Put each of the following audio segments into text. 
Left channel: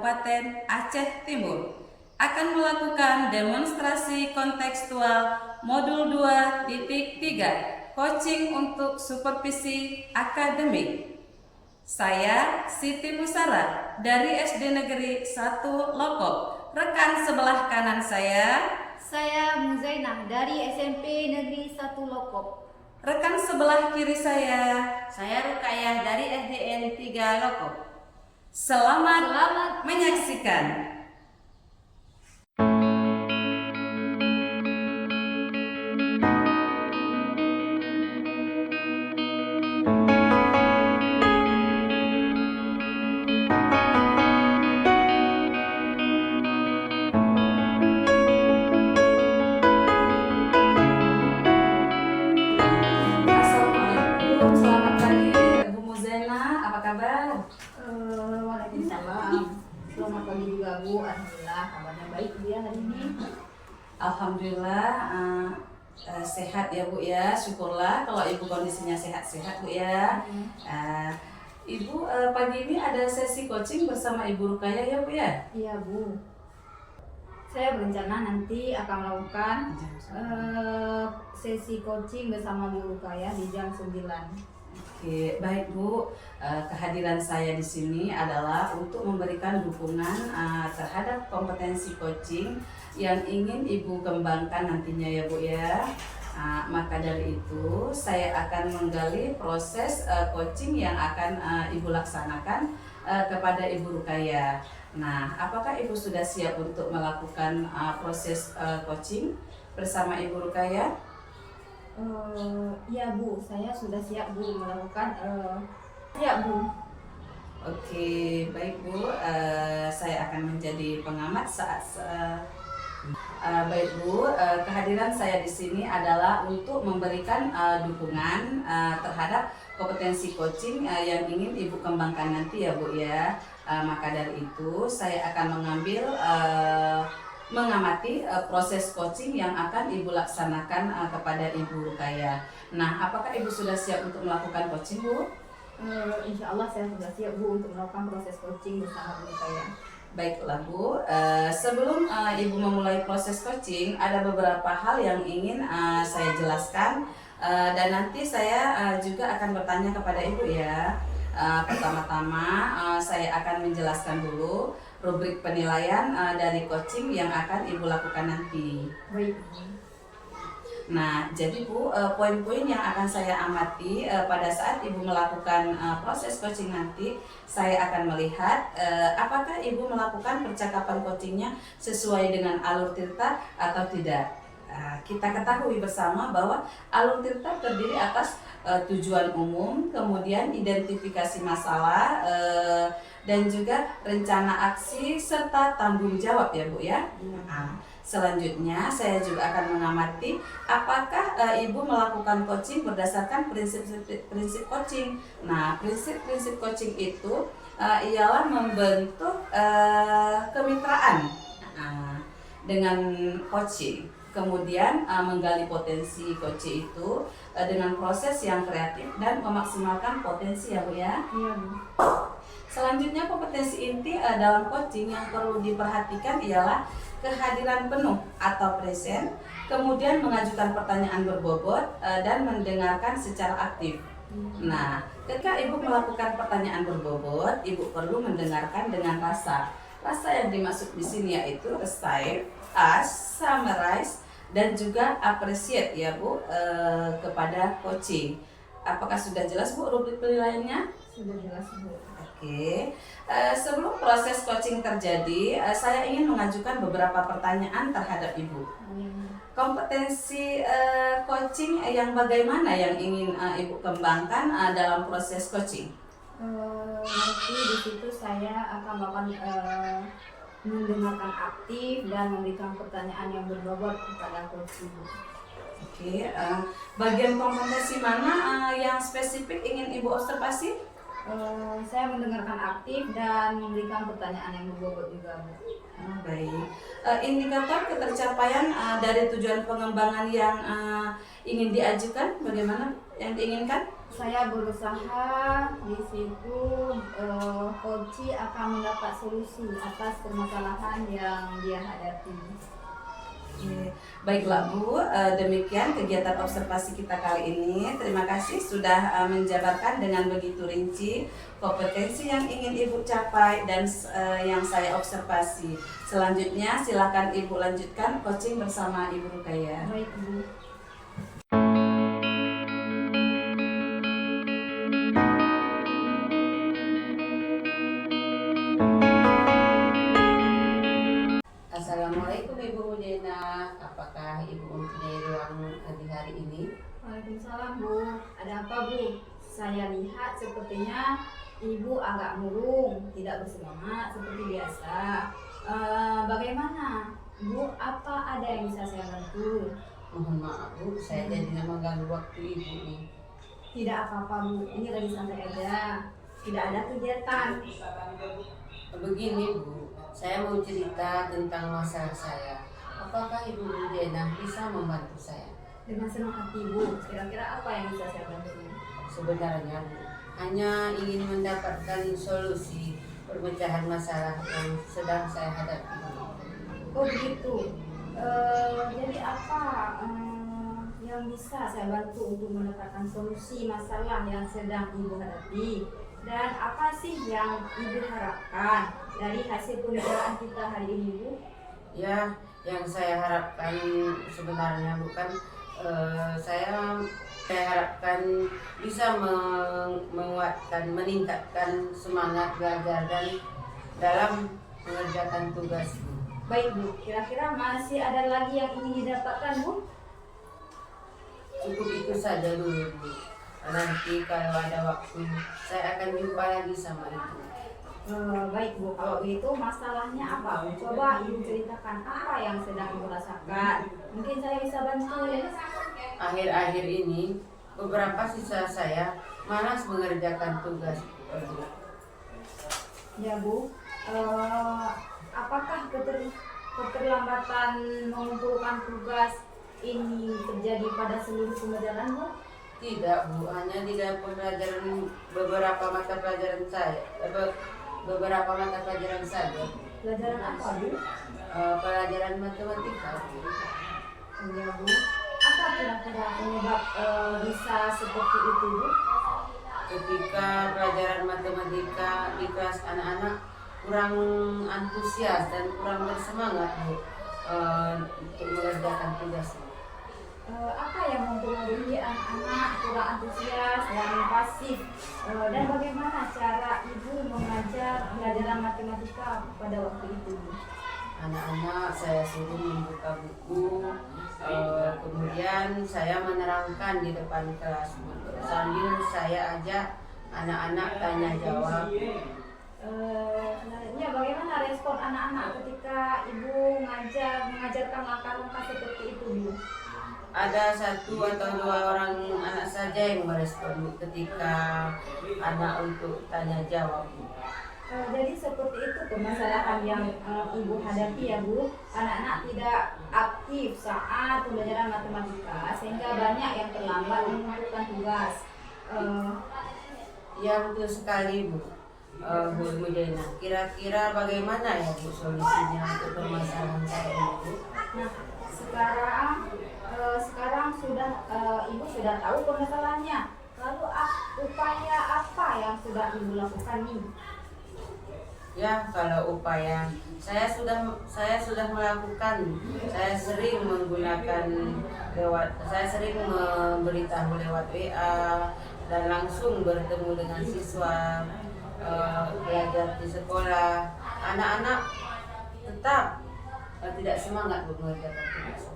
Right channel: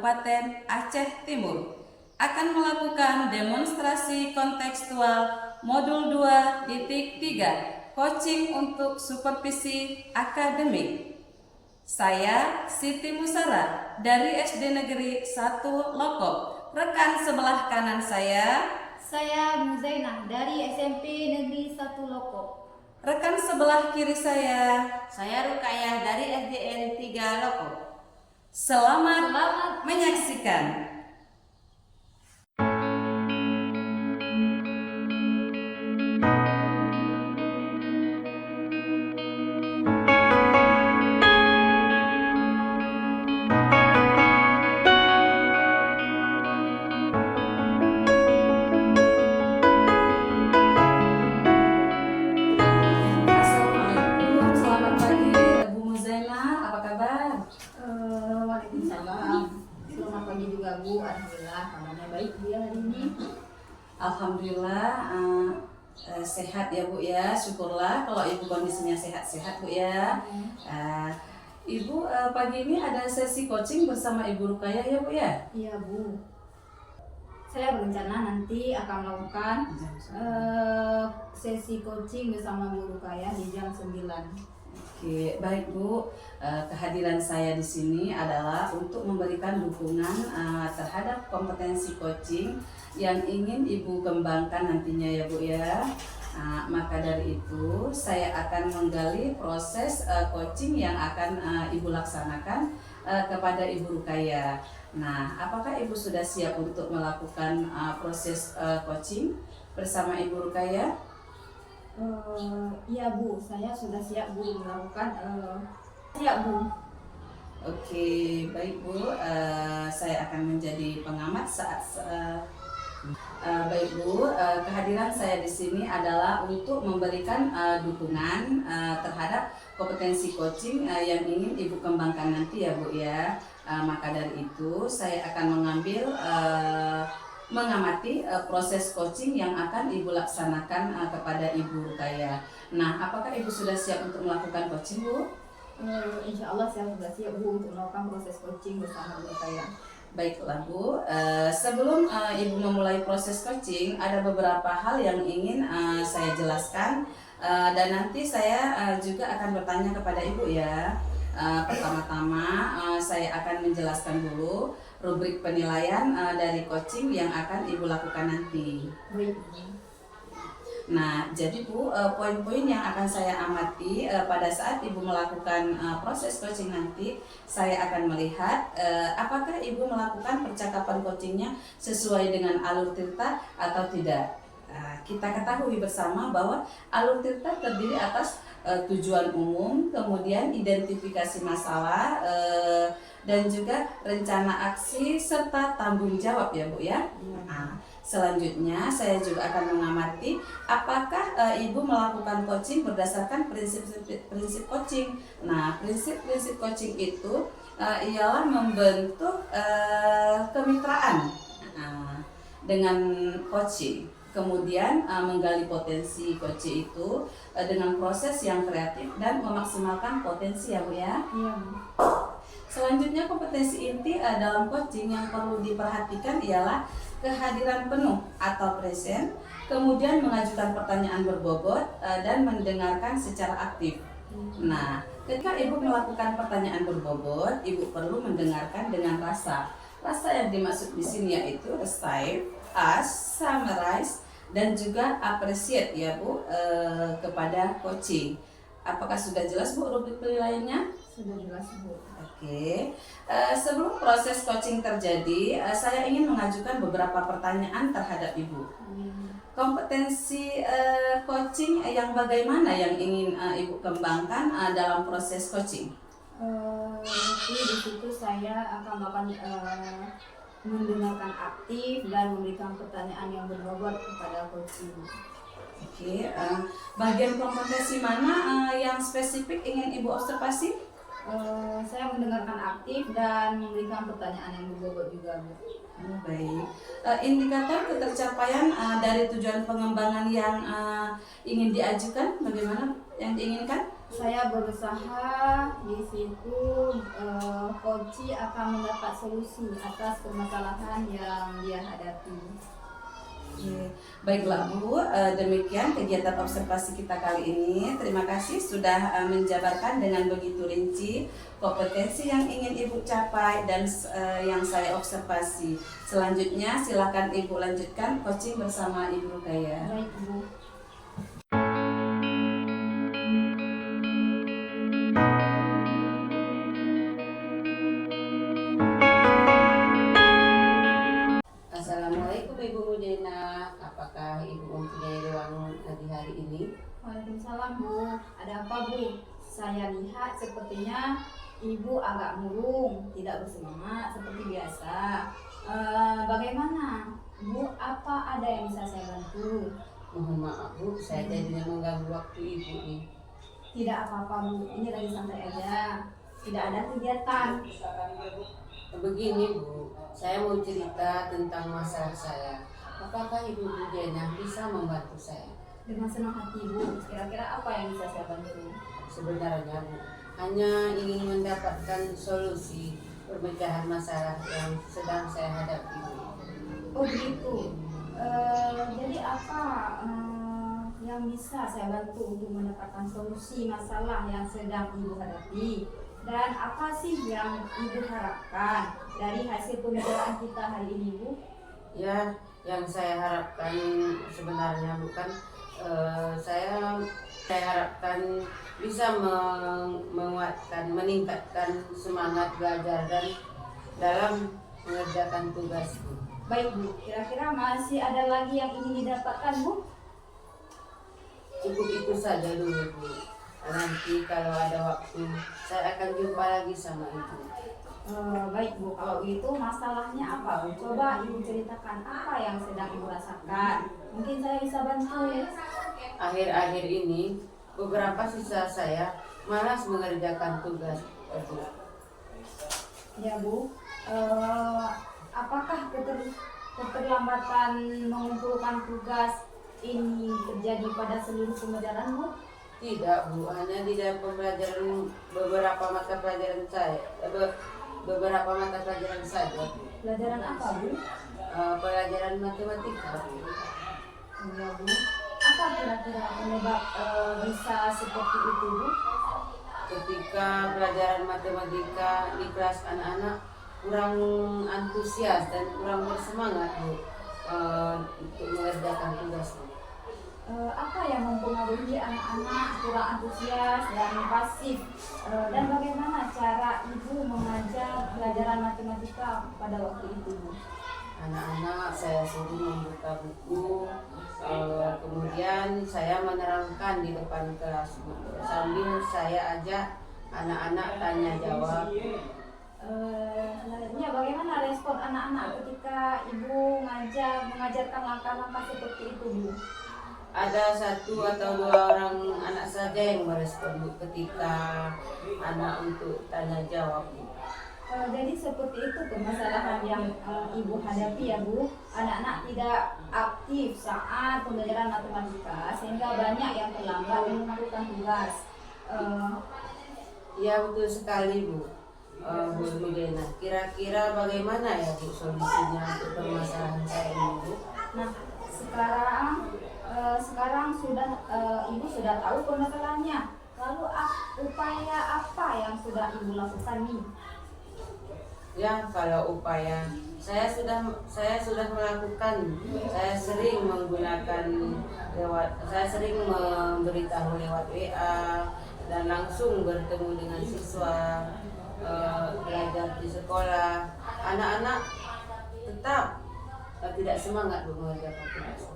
Kabupaten Aceh Timur akan melakukan demonstrasi kontekstual modul 2.3 coaching untuk supervisi akademik. Saya Siti Musara dari SD Negeri 1 Lokop. Rekan sebelah kanan saya Muzainah dari SMP Negeri 1 Lokop. Rekan sebelah kiri saya Rukayah dari SDN 3 Lokop. Selamat menyaksikan. Assalamualaikum, selamat pagi Bu Muzainah, apa kabar? Waalaikumsalam. Selamat pagi juga Bu. Alhamdulillah kabarnya baik dia hari ini. Alhamdulillah sehat ya Bu ya, syukurlah kalau Ibu kondisinya sehat-sehat Bu ya. Ibu pagi ini ada sesi coaching bersama Ibu Rukayah ya Bu ya? Iya Bu. Saya berencana nanti akan melakukan sesi coaching bersama Bu Rukayah di jam 9. Oke, baik Bu. Kehadiran saya di sini adalah untuk memberikan dukungan terhadap kompetensi coaching yang ingin Ibu kembangkan nantinya ya Bu ya. Maka dari itu saya akan menggali proses coaching yang akan Ibu laksanakan kepada Ibu Rukayah. Nah, apakah Ibu sudah siap untuk melakukan proses coaching bersama Ibu Rukayah? Iya Bu, saya sudah siap Bu melakukan siap Bu. Oke, baik Bu. Saya akan menjadi pengamat baik Bu. Kehadiran saya di sini adalah untuk memberikan dukungan terhadap kompetensi coaching yang ingin Ibu kembangkan nanti ya Bu ya. Maka dari itu saya akan mengamati proses coaching yang akan Ibu laksanakan kepada Ibu Rukayah. Nah, apakah Ibu sudah siap untuk melakukan coaching Bu? Insya Allah saya sudah siap Bu untuk melakukan proses coaching bersama Bu Rukayah. Baiklah Bu, sebelum Ibu memulai proses coaching, ada beberapa hal yang ingin saya jelaskan dan nanti saya juga akan bertanya kepada Ibu ya. Pertama-tama saya akan menjelaskan dulu rubrik penilaian dari coaching yang akan Ibu lakukan nanti. Baik. Nah, jadi Bu, poin-poin yang akan saya amati pada saat Ibu melakukan proses coaching nanti, saya akan melihat apakah Ibu melakukan percakapan coachingnya sesuai dengan alur tirta atau tidak. Kita ketahui bersama bahwa alur tirta terdiri atas tujuan umum, kemudian identifikasi masalah, dan juga rencana aksi serta tanggung jawab ya Bu ya. Selanjutnya saya juga akan mengamati apakah Ibu melakukan coaching berdasarkan prinsip coaching. Nah, prinsip coaching itu ialah membentuk kemitraan dengan coaching. Kemudian menggali potensi coach itu dengan proses yang kreatif dan memaksimalkan potensi ya Bu ya. Iya. Selanjutnya kompetensi inti dalam coaching yang perlu diperhatikan ialah kehadiran penuh atau present, kemudian mengajukan pertanyaan berbobot dan mendengarkan secara aktif. Nah, ketika Ibu melakukan pertanyaan berbobot, Ibu perlu mendengarkan dengan rasa. Rasa yang dimaksud di sini yaitu receive, ask, summarize, dan juga appreciate ya Bu kepada coaching. Apakah sudah jelas Bu rubrik penilaiannya? Sudah jelas Bu. Oke, sebelum proses coaching terjadi, saya ingin mengajukan beberapa pertanyaan terhadap Ibu. Kompetensi coaching yang bagaimana yang ingin Ibu kembangkan dalam proses coaching? Nanti di situ saya akan melakukan mendengarkan aktif dan memberikan pertanyaan yang berbobot kepada coach Ibu. Oke, bagian kompetensi mana yang spesifik ingin Ibu observasi? Saya mendengarkan aktif dan memberikan pertanyaan yang berbobot juga Bu. Baik. Indikator ketercapaian dari tujuan pengembangan yang ingin diajukan, bagaimana yang diinginkan? Saya berusaha di situ Koci akan mendapat solusi atas permasalahan yang dia hadapi. Oke, baiklah Bu, demikian kegiatan observasi kita kali ini. Terima kasih sudah menjabarkan dengan begitu rinci kompetensi yang ingin Ibu capai dan yang saya observasi. Selanjutnya silakan Ibu lanjutkan coaching bersama Ibu Rukaya. Baik Bu. Assalamualaikum Ibu Mujena, apakah Ibu mempunyai ruang di hari ini? Waalaikumsalam Bu. Ada apa Bu? Saya lihat sepertinya Ibu agak murung, tidak bersemangat seperti biasa. Bagaimana Bu? Apa ada yang bisa saya bantu? Mohon maaf Bu, saya jadinya mengganggu waktu Ibu nih. Tidak apa-apa Bu, ini lagi santai aja. Tidak ada kegiatan. Begini Bu, saya mau cerita tentang masalah saya. Apakah Ibu Mujena bisa membantu saya? Dengan senang hati Bu. Kira-kira apa yang bisa saya bantu? Sebenarnya Bu, hanya ingin mendapatkan solusi perpecahan masalah yang sedang saya hadapi. Oh begitu. Jadi apa yang bisa saya bantu untuk mendapatkan solusi masalah yang sedang Ibu hadapi? Dan apa sih yang Ibu harapkan dari hasil pembicaraan kita hari ini Bu? Ya, yang saya harapkan sebenarnya bukan saya harapkan bisa menguatkan, meningkatkan semangat belajar dan dalam mengerjakan tugas. Baik Bu, kira-kira masih ada lagi yang ingin didapatkan Bu? Cukup itu saja dulu Bu. Nanti kalau ada waktu saya akan jumpa lagi sama Ibu. Baik Bu, kalau begitu masalahnya apa Bu? Coba Ibu ceritakan apa yang sedang Ibu rasakan. Mungkin saya bisa bantu. Akhir-akhir ini beberapa siswa saya malas mengerjakan tugas. Ya Bu, apakah keterlambatan mengumpulkan tugas ini terjadi pada seluruh pembelajaran Bu? Tidak Bu, hanya di dalam pelajaran beberapa mata pelajaran saya, beberapa mata pelajaran saja. Pelajaran apa Bu? Pelajaran matematika Bu. Ya Bu, apa kira-kira penyebab bisa seperti itu Bu? Ketika pelajaran matematika di kelas anak-anak kurang antusias dan kurang bersemangat Bu, untuk mengerjakan tugas Bu. Apa yang mempengaruhi anak-anak kurang antusias dan pasif, dan bagaimana cara Ibu mengajar pelajaran matematika pada waktu itu Bu? Anak-anak saya suruh membuka buku, kemudian saya menerangkan di depan kelas Bu. Sambil saya ajak anak-anak tanya jawab. Sebenarnya bagaimana respon anak-anak ketika Ibu mengajarkan langkah-langkah seperti itu Bu? Ada 1 atau 2 orang anak saja yang merespon Bu, ketika anak untuk tanya jawab Bu. Jadi seperti itu permasalahan yang Ibu hadapi ya Bu. Anak-anak tidak aktif saat pembelajaran matematika sehingga banyak yang terlambat mengumpulkan tugas. Ya betul sekali Bu. Bu Mujena, kira-kira bagaimana ya Bu solusinya untuk permasalahan saya ini Bu? Nah sekarang sudah Ibu sudah tahu permasalahannya. Lalu upaya apa yang sudah Ibu lakukan nih? Ya, kalau upaya saya sudah melakukan. Saya sering memberitahu lewat WA dan langsung bertemu dengan siswa, belajar di sekolah. Anak-anak tetap tidak semangat mengerjakan tugas.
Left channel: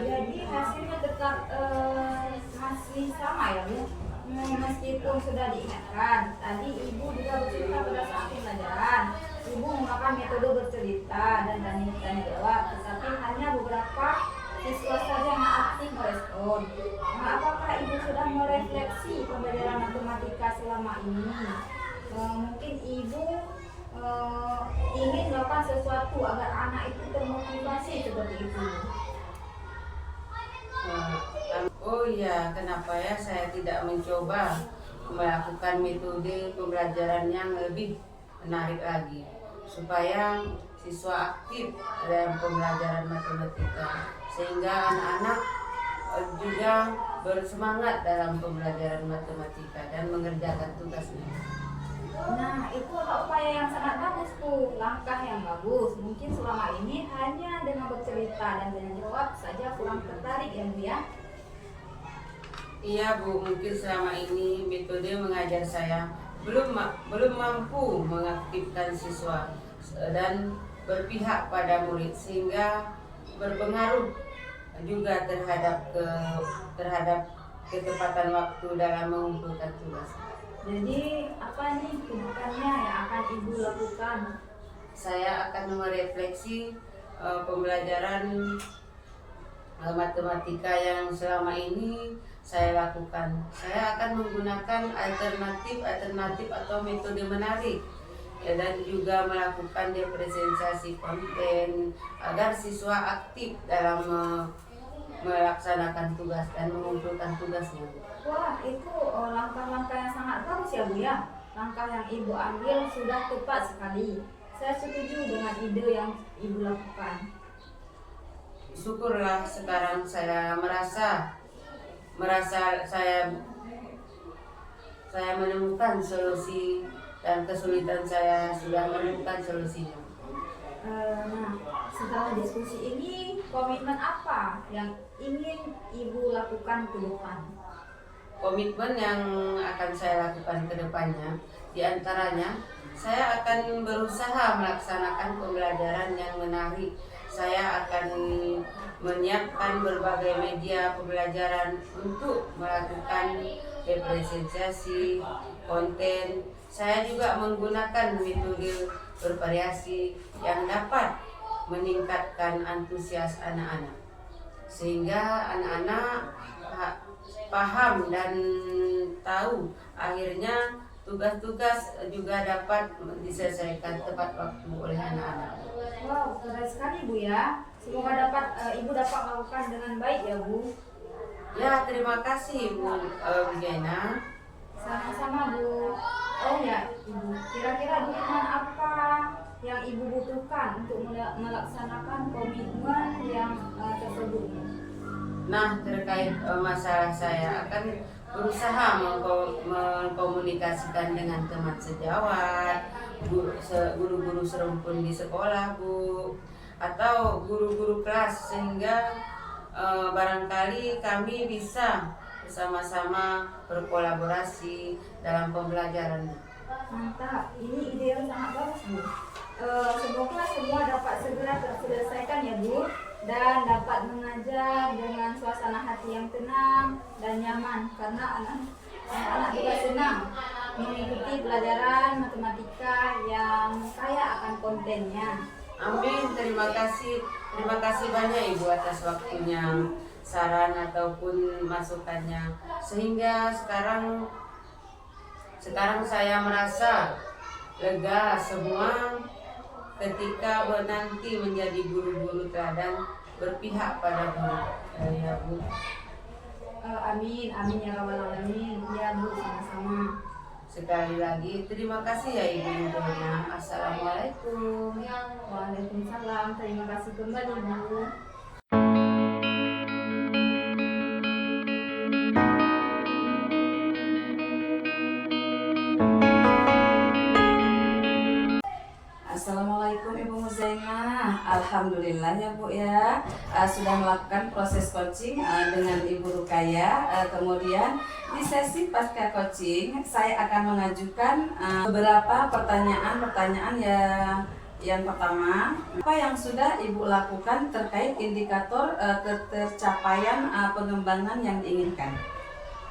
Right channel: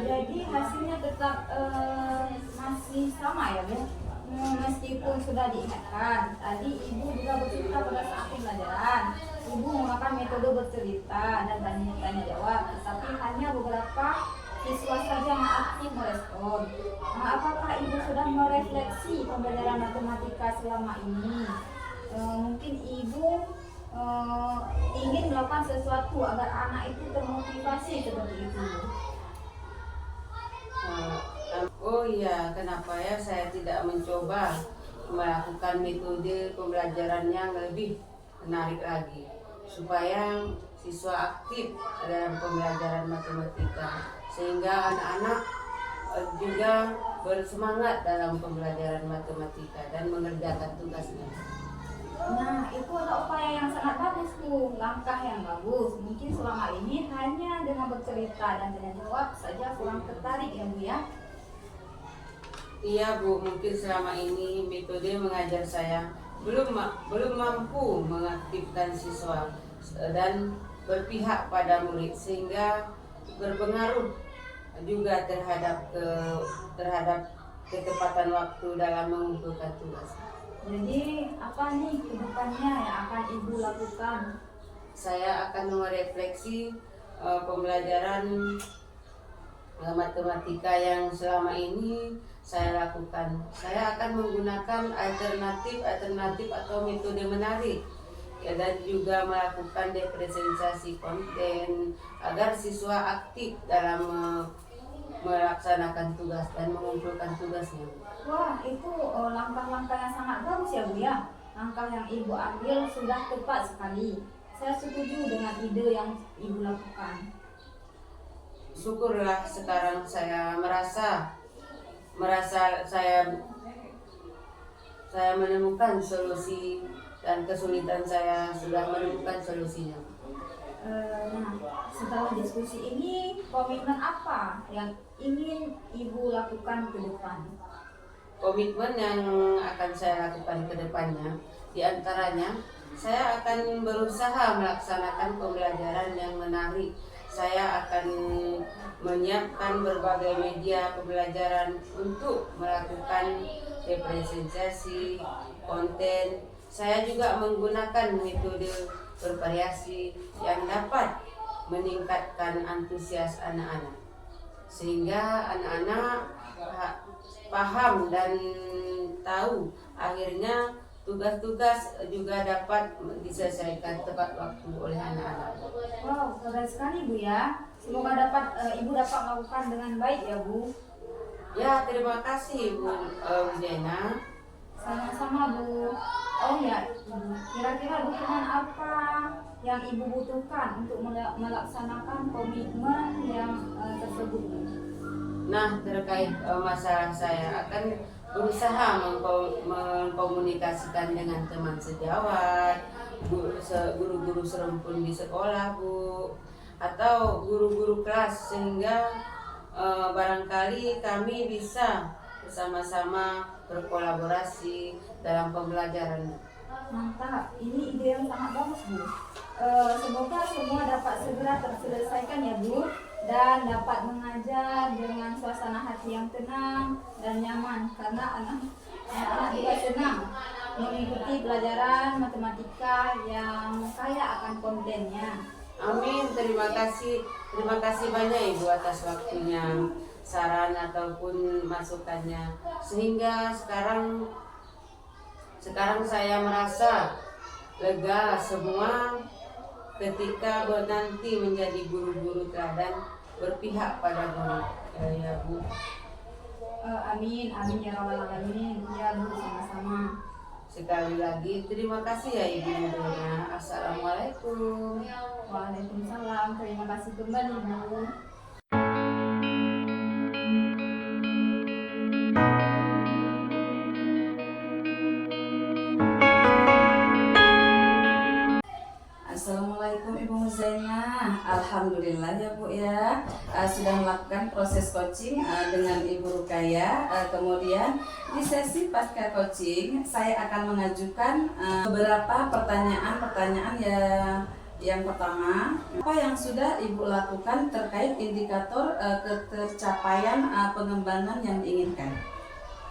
Jadi hasilnya tetap masih sama ya Bu? Meskipun sudah diingatkan, tadi Ibu juga bercerita pada saat pembelajaran, Ibu menggunakan metode bercerita dan tanya jawab, tapi hanya beberapa siswa saja yang aktif merespon. Apakah Ibu sudah merefleksi pembelajaran matematika selama ini? Mungkin Ibu ingin melakukan sesuatu agar anak itu termotivasi seperti itu. Oh iya, kenapa ya saya tidak mencoba melakukan metode pembelajaran yang lebih menarik lagi supaya siswa aktif dalam pembelajaran matematika sehingga anak-anak juga bersemangat dalam pembelajaran matematika dan mengerjakan tugasnya. Nah, itu adalah upaya yang sangat bagus Bu, langkah yang bagus. Mungkin selama ini hanya dengan bercerita dan tanya jawab saja kurang tertarik ya Bu ya. Iya Bu, mungkin selama ini metode mengajar saya belum mampu mengaktifkan siswa dan berpihak pada murid sehingga berpengaruh juga terhadap ketepatan waktu dalam mengumpulkan tugas. Jadi apa nih kedepannya yang akan Ibu lakukan? Saya akan merefleksi pembelajaran matematika yang selama ini saya lakukan. Saya akan menggunakan alternatif atau metode menarik ya, dan juga melakukan representasi konten agar siswa aktif dalam melaksanakan tugas dan mengumpulkan tugasnya. Wah, itu langkah-langkah yang sangat bagus ya Bu ya. Langkah yang Ibu ambil sudah tepat sekali. Saya setuju dengan ide yang Ibu lakukan. Syukurlah sekarang saya merasa saya menemukan solusi dan kesulitan saya sudah menemukan solusinya. Nah, setelah diskusi ini, komitmen apa yang ingin Ibu lakukan ke depan? Komitmen yang akan saya lakukan ke depannya, diantaranya saya akan berusaha melaksanakan pembelajaran yang menarik. Saya akan menyiapkan berbagai media pembelajaran untuk melakukan representasi konten. Saya juga menggunakan metode bervariasi yang dapat meningkatkan antusias anak-anak sehingga anak-anak paham dan tahu, akhirnya tugas-tugas juga dapat diselesaikan tepat waktu oleh anak-anak. Wow, keren sekali Bu ya. Semoga Ibu dapat melakukan dengan baik ya Bu. Ya, terima kasih Bu Jaina. Sama-sama Bu. Oh ya Ibu, kira-kira dukungan apa yang Ibu butuhkan untuk melaksanakan komitmen yang tersebut? Nah, terkait masalah saya akan berusaha mengkomunikasikan dengan teman sejawat, guru-guru serumpun di sekolah Bu, atau guru-guru kelas sehingga barangkali kami bisa bersama-sama berkolaborasi dalam pembelajaran. Mantap, ini ide yang sangat bagus Bu. Semoga semua dapat segera terselesaikan ya Bu, dan dapat mengajar dengan suasana hati yang tenang dan nyaman karena anak-anak juga senang mengikuti pelajaran matematika yang kaya akan kontennya. Amin, terima kasih banyak Ibu atas waktunya, saran ataupun masukannya, sehingga sekarang saya merasa lega semua ketika nanti menjadi guru-guru teladan berpihak pada murid. Ya Bu. Amin, amin ya rabbal alamin. Ya Bu, sama-sama. Sekali lagi terima kasih ya Ibu Nurulnya. Assalamualaikum. Waalaikumsalam. Terima kasih kembali Bu. Assalamualaikum Ibu Muzaina. Alhamdulillah ya Bu ya, sudah melakukan proses coaching dengan Ibu Rukaya. Kemudian di sesi pasca coaching saya akan mengajukan beberapa pertanyaan ya. Yang pertama, apa yang sudah Ibu lakukan terkait indikator ketercapaian pengembangan yang diinginkan?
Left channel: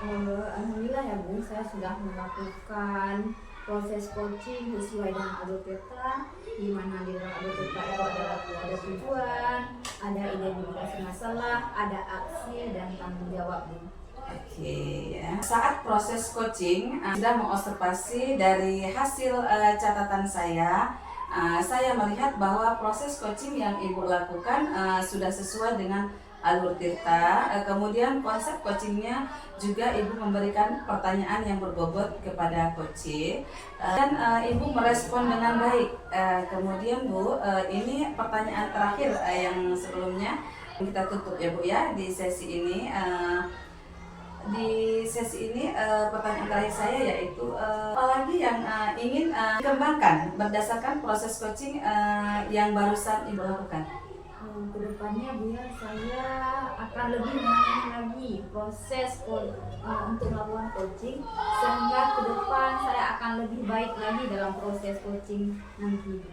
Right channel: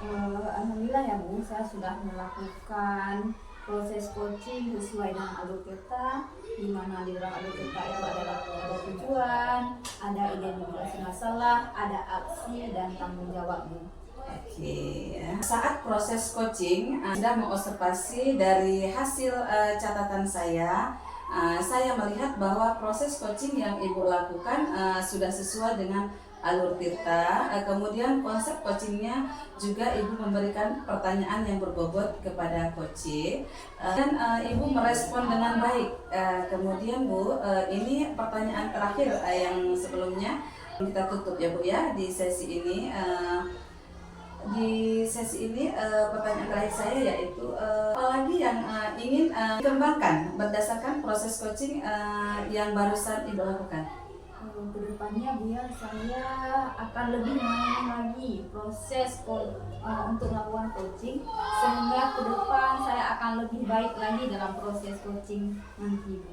Alhamdulillah ya Bu, saya sudah melakukan proses coaching sesuai dengan ADOPETA, di mana di dalam ADOPETA itu ada tujuan, ada identifikasi masalah, ada aksi dan tanggung jawab Bu. Oke ya. Saat proses coaching sudah mengobservasi dari hasil catatan saya melihat bahwa proses coaching yang Ibu lakukan sudah sesuai dengan Alur Tirta. Kemudian konsep coachingnya juga Ibu memberikan pertanyaan yang berbobot kepada coach dan Ibu merespon dengan baik. Kemudian Bu, ini pertanyaan terakhir yang sebelumnya kita tutup ya Bu ya di sesi ini. Pertanyaan terakhir saya yaitu apalagi yang ingin dikembangkan berdasarkan proses coaching yang barusan Ibu lakukan? Kedepannya Bu ya, saya akan lebih menangani lagi proses untuk melakukan coaching, sehingga ke depan saya akan lebih baik lagi dalam proses coaching nanti Bu.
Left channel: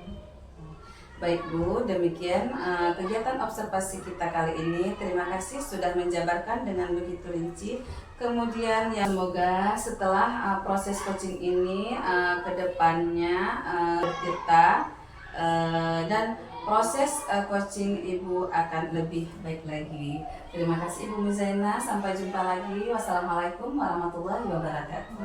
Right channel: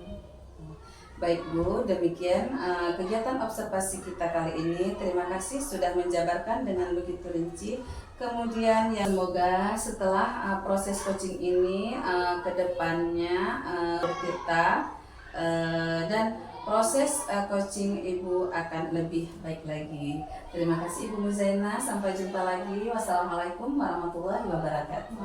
Baik Bu, demikian kegiatan observasi kita kali ini. Terima kasih sudah menjabarkan dengan begitu rinci. Kemudian ya semoga setelah proses coaching ini kedepannya kita dan proses coaching Ibu akan lebih baik lagi. Terima kasih Ibu Muzaina. Sampai jumpa lagi. Wassalamualaikum warahmatullahi wabarakatuh.